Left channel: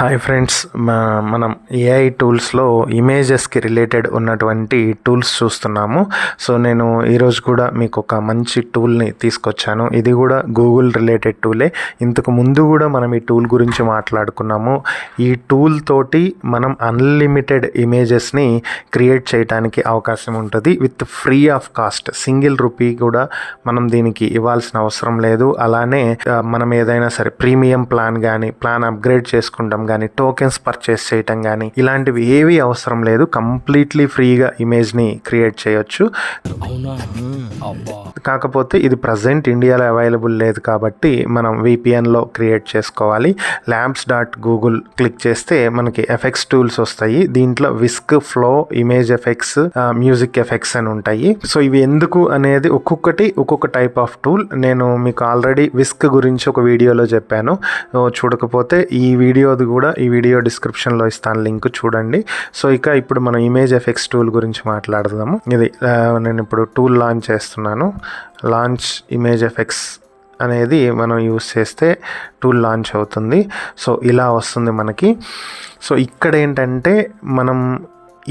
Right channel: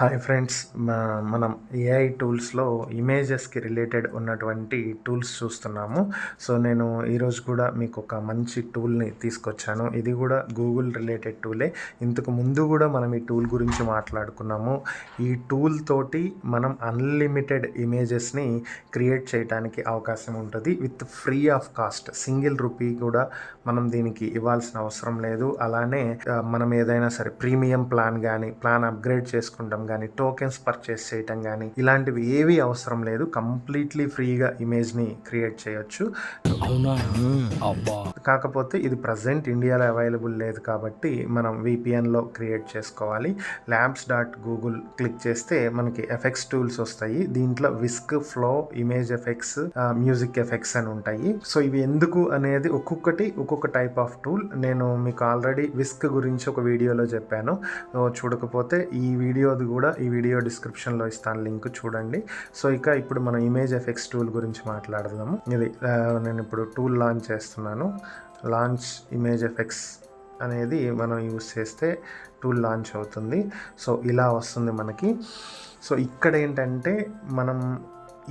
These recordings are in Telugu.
హాయ్ ఫ్రెండ్స్, మనం ఏఐ టూల్స్లో ఇమేజెస్కి రిలేటెడ్ ఉన్నటువంటి టూల్స్ చూస్తున్నాము. సో నేను ఈరోజు కూడా మీకు ఒక మంచి టూల్ని తీసుకొచ్చాను. ఇది కూడా గూగుల్ రిలేటెడ్ టూలే. ఇంతకు ముందు కూడా మనం ఈ టూల్ గురించి మాట్లాడుకున్నాము. ఈ టూల్ తోటి మనం అన్లిమిటెడ్ ఇమేజెస్ని క్రియేట్ చేయడానికి అవకాశం ఉంటుంది with free of cost. Single rupee కూడా మనం దీనికి ఇవ్వాల్సిన అవసరం లేదు. అలానే మనం ఏదైనా సరే ప్రీమియం ప్లాన్ కానీ ప్లాన్ అప్గ్రేడ్ చేసుకుంటాం కానీ టోకెన్స్ పర్చేస్ చేయటం కానీ ఇలాంటివి ఏవి అవసరం లేదు. కంప్లీట్లీ ఫ్రీగా ఇమేజ్ని క్రియేట్ చేయొచ్చు. కాకపోతే ఇది ప్రజెంట్ ఇండియాలో అవైలబుల్ లేదు కాబట్టి మనం VPNలో క్రియేట్ చేసుకోవాలి. labs.google క్లిక్ చేస్తే మనకి ఎఫెక్ట్స్ టూల్స్ వస్తాయి. దీంట్లో whisk, flow, image effects, music effects అని ఉంటాయి. సో ఇవి ఎందుకు అనేది ఒక్కొక్కటి ఒక్కొక్క టైప్ ఆఫ్ టూల్. నేను మీకు ఆల్రెడీ విస్క్ గురించి ఒక వీడియోలో చెప్పాను. చూడకపోతే ఈ వీడియో డిస్క్రిప్షన్లో ఇస్తాను, లింక్ చూడండి. సో ఇప్పుడు మనం ఇమేజ్ ఎఫెక్ట్స్ టూల్ గురించి మాట్లాడదాము. ఇది నేను ఇప్పుడు టూల్ లాంచ్ చేస్తున్నాను. లాంచ్ ఇమేజ్ ఎఫెక్ట్స్ అనేది మనం యూస్ చేస్తే టూల్ లాంచ్ అవుతుంది. సో ఇలా వస్తుంది మనకి. సో ఇక్కడ ఏంటంటే మనం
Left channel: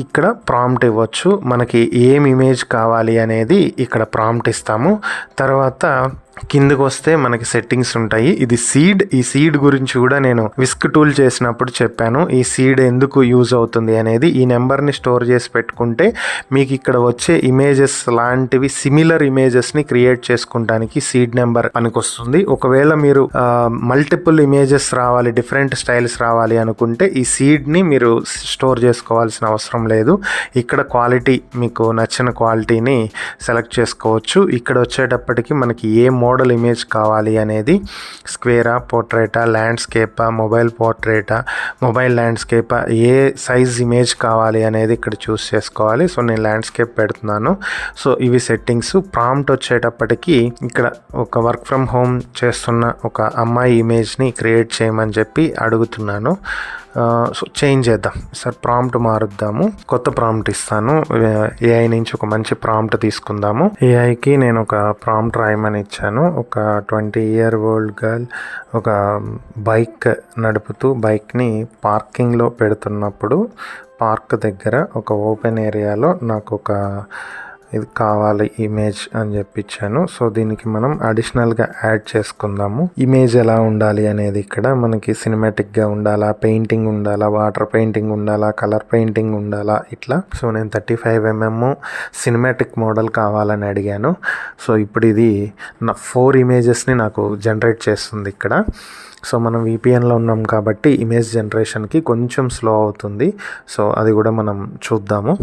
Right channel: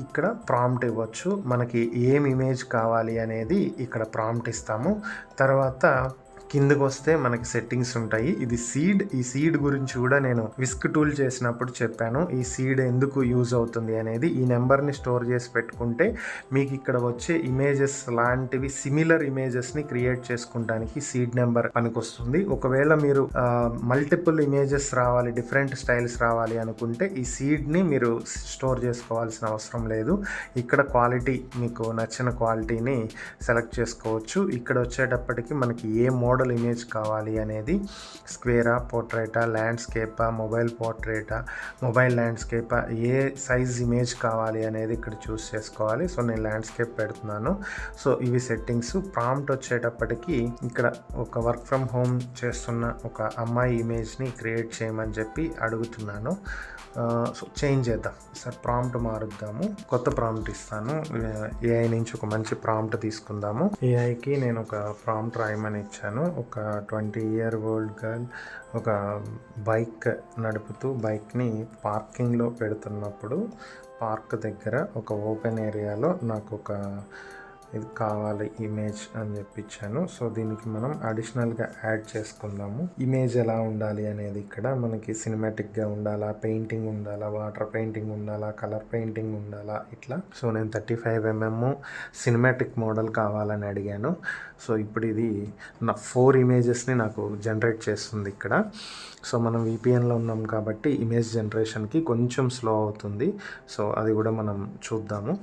ఇక్కడ ప్రాంప్ట్ ఇవ్వచ్చు. మనకి ఏం ఇమేజ్ కావాలి అనేది ఇక్కడ ప్రాంప్ట్ ఇస్తాము. తర్వాత కిందకు వస్తే మనకి సెట్టింగ్స్ ఉంటాయి. ఇది సీడ్. ఈ సీడ్ గురించి కూడా నేను విస్క్ టూల్ చేసినప్పుడు చెప్పాను. ఈ సీడ్ ఎందుకు యూజ్ అవుతుంది అనేది. ఈ నెంబర్ని స్టోర్ చేసి పెట్టుకుంటే మీకు ఇక్కడ వచ్చే ఇమేజెస్ లాంటివి సిమిలర్ ఇమేజెస్ని క్రియేట్ చేసుకోవడానికి సీడ్ నెంబర్ పనికొస్తుంది. ఒకవేళ మీరు మల్టిపుల్ ఇమేజెస్ రావాలి, డిఫరెంట్ స్టైల్స్ రావాలి అనుకుంటే ఈ సీడ్ని మీరు స్టోర్ చేసుకోవాల్సిన అవసరం లేదు. ఇక్కడ క్వాలిటీ, మీకు నచ్చిన క్వాలిటీని సెలెక్ట్ చేసుకోవచ్చు. ఇక్కడ వచ్చేటప్పటికి మనకి ఏ మోడల్ ఇమేజ్ కావాలి అనేది, స్క్వేరా, పోర్ట్రేటా, ల్యాండ్స్కేపా, మొబైల్ పోర్ట్రేటా, మొబైల్ ల్యాండ్స్కేపా, ఏ సైజ్ ఇమేజ్ కావాలి అనేది ఇక్కడ చూస్ చేసుకోవాలి. సో నేను ల్యాండ్స్కేప్ పెడుతున్నాను. సో ఇవి సెట్టింగ్స్. ప్రాంప్ట్ వచ్చేటప్పటికి ఇక్కడ ఒక వర్క్ ఫ్రమ్ హోమ్ చేస్తున్న ఒక అమ్మాయి ఇమేజ్ని క్రియేట్ చేయమని చెప్పి అడుగుతున్నాను. సో చేంజ్ చేద్దాం సార్, ప్రాంప్ట్ మారుద్దాము. కొత్త ప్రాంప్ట్ ఇస్తాను. ఏఐ నుంచి ఒక మంచి ప్రాంప్ట్ తీసుకుందాము. ఏఐకి నేను ఒక ప్రాంప్ట్ రాయమని ఇచ్చాను. ఒక 20-year-old గర్ల్ ఒక బైక్ నడుపుతూ బైక్ని పార్కింగ్లో పెడుతున్నప్పుడు పార్క్ దగ్గర ఒక ఓపెన్ ఏరియాలో నాకు ఒక ఇది కావాలి ఇమేజ్ అని చెప్పించాను. సో దీనికి మనం అడిషనల్గా యాడ్ చేసుకుందాము. ఇమేజ్ ఎలా ఉండాలి అనేది ఇక్కడ మనకి సినిమాటిక్గా ఉండాలా, పెయింటింగ్ ఉండాలా, వాటర్ పెయింటింగ్ ఉండాలా, కలర్ పెయింటింగ్ ఉండాలా, ఇట్లా. సో నేను 35mm సినిమాటిక్ మోడల్ కావాలని అడిగాను. సో ఇప్పుడు ఇది నా 4 ఇమేజెస్ని నాకు జనరేట్ చేస్తుంది ఇక్కడ. సో మనం VPNలో ఉన్నాం కాబట్టి ఇమేజ్ జనరేషన్కి కొంచెం స్లో అవుతుంది. సో అది కూడా మనం చూద్దాము.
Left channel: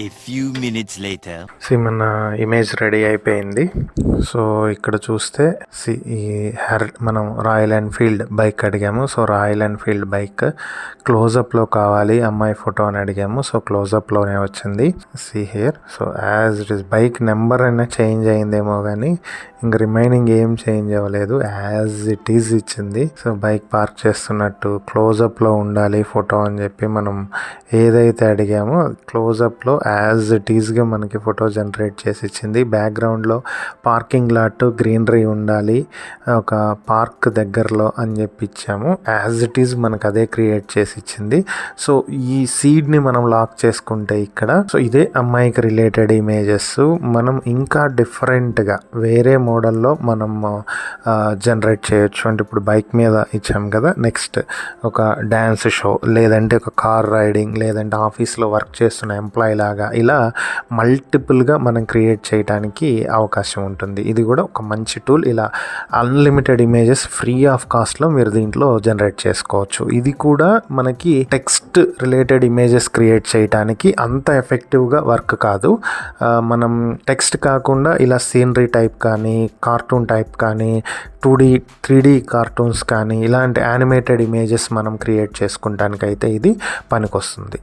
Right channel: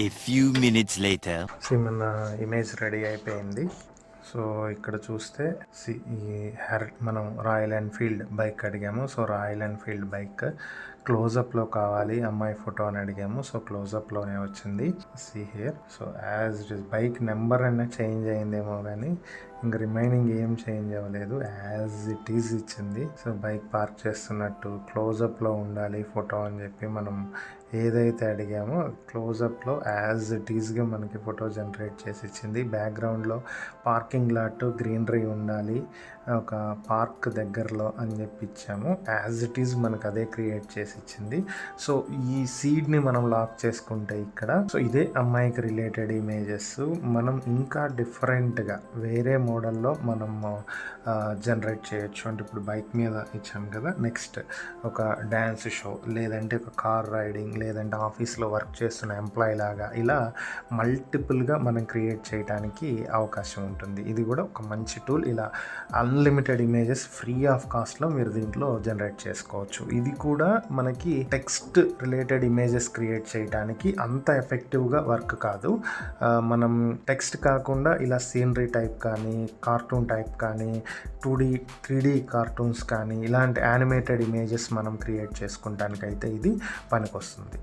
A few minutes later. మన ఇమేజ్ రెడీ అయిపోయింది. సో ఇక్కడ చూస్తే మనం రాయల్ ఎన్ఫీల్డ్ బైక్ అడిగాము. సో రాయల్ ఎన్ఫీల్డ్ బైక్ క్లోజప్లో కావాలి, అమ్మాయి ఫోటో అని అడిగాము. సో క్లోజప్లోనే వచ్చింది. Here. So as it is bike number అయినా చేంజ్ అయిందేమో కానీ ఇంక రిమైనింగ్ ఏం చేంజ్ అవ్వలేదు, యాజ్ ఇట్ ఈజ్ ఇచ్చింది. సో బైక్ పార్క్ చేస్తున్నట్టు క్లోజప్లో ఉండాలి ఫోటో అని చెప్పి మనం ఏదైతే అడిగామో క్లోజప్లో యాజ్ ఇట్ ఈజ్గా మనకి ఫోటో జనరేట్ చేసి ఇచ్చింది. బ్యాక్గ్రౌండ్లో పార్కింగ్ లాట్, గ్రీనరీ ఉండాలి ఒక పార్క్ దగ్గరలో అని చెప్పి ఇచ్చాము. యాజ్ ఇట్ ఈజ్ మనకు అదే క్రియేట్ చేసి ఇచ్చింది. సో ఈ సీడ్ని మనం లాక్ చేసుకుంటే ఇక్కడ, సో ఇదే అమ్మాయికి రిలేటెడ్ ఇమేజెస్ మనం ఇంకా డిఫరెంట్గా వేరే మోడల్లో మనం జనరేట్ చేయొచ్చు. అంటే ఇప్పుడు బైక్ మీద ఇచ్చాం కదా, నెక్స్ట్ ఒక డ్యాన్స్ షో, లేదంటే ఒక కార్ రైడింగ్, లేదంటే ఆఫీస్లో వర్క్ చేస్తున్న ఎంప్లాయీ లాగా, ఇలా మల్టిపుల్గా మనం క్రియేట్ చేయడానికి అవకాశం ఉంటుంది. ఇది కూడా ఒక మంచి టూల్. ఇలా అన్లిమిటెడ్ ఇమేజెస్ ఫ్రీ ఆఫ్ కాస్ట్లో మీరు దీంట్లో జనరేట్ చేసుకోవచ్చు. ఇది కూడా మనకి టెక్స్ట్ రిలేటెడ్ ఇమేజెస్ క్రియేట్ చేయడానికి అంత ఎఫెక్టివ్గా వర్క్ కాదు. మనం టెక్స్ట్ కాకుండా ఇలా సీనరీ టైప్ కానీ, కార్టూన్ టైప్ కానీ, 2D 3D కార్టూన్స్ కానీ, ఇలాంటి యానిమేటెడ్ ఇమేజెస్ మనం క్రియేట్ చేసుకుంటానికైతే ఇది పనికొస్తుంది.